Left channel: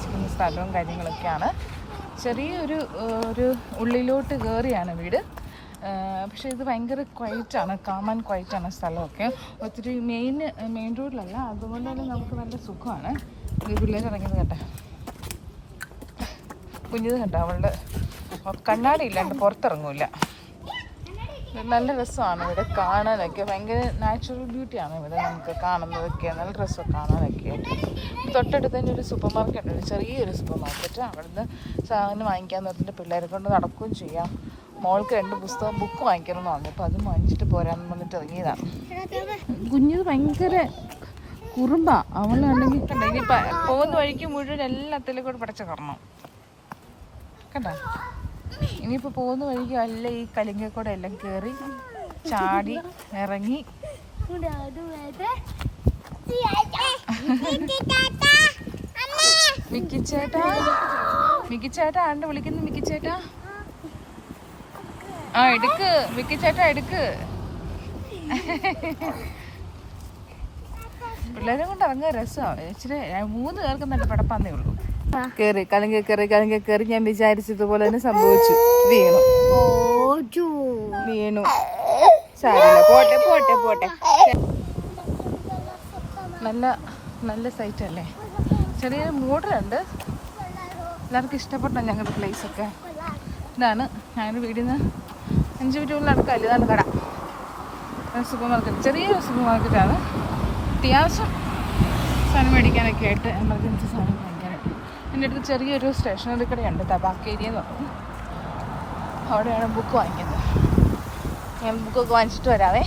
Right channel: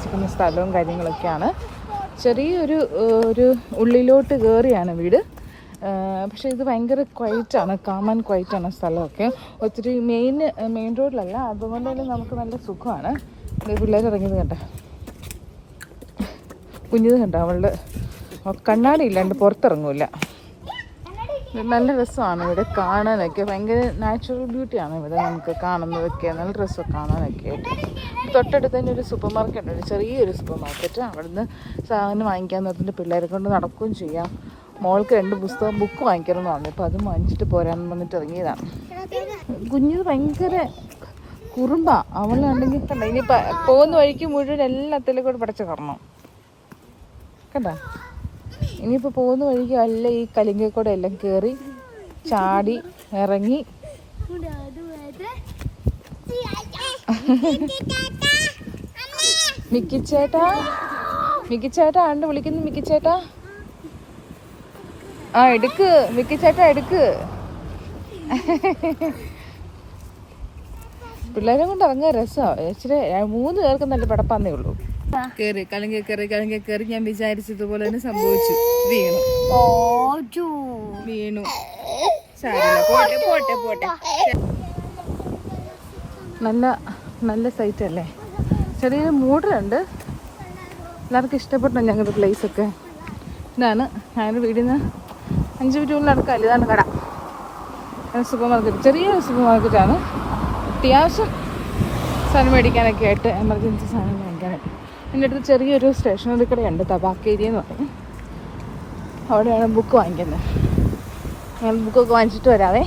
താമസിക്കുന്ന സ്ഥലവും കാര്യങ്ങളൊക്കെയാണ്. ചെറിയൊരു ഒരു ഉള്ളിലോട്ട് കയറിയാണ് വീട്. പക്ഷേ ഇത് ഭയങ്കര ക്വൈറ്റാണ് കാമൻ ക്വൈറ്റാണ് സ്ഥലമൊക്കെ. ഒത്തിരി മെയിൻ മെയിൻ റോഡിലല്ല അതുകൊണ്ട് തന്നെ നമുക്ക് നല്ല സുഖമാണ്. പിള്ളേർ ഇറങ്ങിയത് കണ്ടേ കുഞ്ഞത് കണ്ടോ അവളുടെ കണ്ണാടി ഇല്ലാണ്ട് പുറത്തിറങ്ങൂല. നല്ല രസമാണ് ഇവിടെ കാണാനൊക്കെ. ഭയങ്കര നാച്ചുറൽ ബ്യൂട്ടിയാണ് ഇവിടെ നമുക്ക് കാണുന്നതൊക്കെ. നല്ല രസം കാണാനൊക്കെ. ആയിട്ട് തൊട്ടടുത്ത് തന്നെ ഒരു സൂപ്പർ മാർക്കറ്റ് ഉണ്ട്. ചെറിയൊരു സൂപ്പർ മാർക്കറ്റ് അവിടുന്ന് സാധനം വാങ്ങിക്കാൻ നിർത്തിട്ട് പിള്ളേരെ കൊണ്ട് നടക്കുകയും ചെയ്യാം. മോൾക്ക് രണ്ട് പുസ്തകം ബുക്ക് വാങ്ങിക്കണം എന്ന് പറഞ്ഞു. അപ്പോൾ അത് വാങ്ങിച്ചിട്ട് പോരാന്ന് പറഞ്ഞിട്ട് ഇറങ്ങിയതാണ്. കുഞ്ഞത് ഭയങ്കര കുറുമ്പാ. അവളുണ്ടെങ്കിൽ കണ്ട ഇനി പോകുന്ന വഴിക്ക് മുഴുവൻ എല്ലാത്തിലും കൂടെ പടച്ച് കടന്നു കണ്ടോ ഇനിയിപ്പോൾ പോകുന്ന വഴിക്ക് അല്ല ഈ കലിങ്കക്കൂടെ എല്ലാം കയറി ചാടി ഇറങ്ങി. മിക്കിച്ചേട്ടാ? മിക്കിച്ചേട്ടാ ആണ്ട് വിളിക്കുന്നു മിക്കിച്ചേട്ടാ. ആ എടുക്ക്. മിക്കിച്ചേട്ടാ എടുക്ക്. പിള്ളേരെ കൊണ്ട് ഇറങ്ങിയ രസമാണ് ഇച്ചിരി മൂന്ന് പേർക്ക് നല്ല പടപ്പാന്നേ ഉള്ളൂ. കേറി കലങ്ക കയറി കലങ്ക കയറി ഞാൻ വിചാരിച്ചതുപോലെ തന്നെ സംഭവിച്ചു. വീണു. വീണു. പോട്ടെ പോട്ടെ പോട്ടെ. നല്ല നല്ല സൈറ്റ് അല്ലേ? ചെറിയൊരു മൂടലുണ്ട്. എല്ലാവർക്കും ഇഷ്ടപ്പെട്ടു ഞങ്ങളുടെ പ്ലേസ് ഒക്കെ. ഇതാണ്. ഞങ്ങളുടെ വീടിൽ നിന്ന് അഞ്ച് മിനിറ്റ് നടക്കാം ഇതാണ് കട. സൂപ്പർ മാർക്കറ്റ് ചെറിയ സൂപ്പർ മാർക്കറ്റാണ് അത്യാവശ്യം സാധനം മേടിക്കാനൊക്കെ ആയിട്ട് എമർജൻസി സാധനം മേടിക്കാനൊക്കെ. എന്റെ അടുത്ത് ചെറിയൊരു സ്റ്റേഷനറി കടയുണ്ട് തകാക്കേരി എന്ന് പറഞ്ഞു. അവിടെയാണ് ബുക്ക് വാങ്ങിക്കുന്നത്. ഞാൻ ബുക്കൊക്കെ വാങ്ങിച്ചിട്ട് വരാവേ.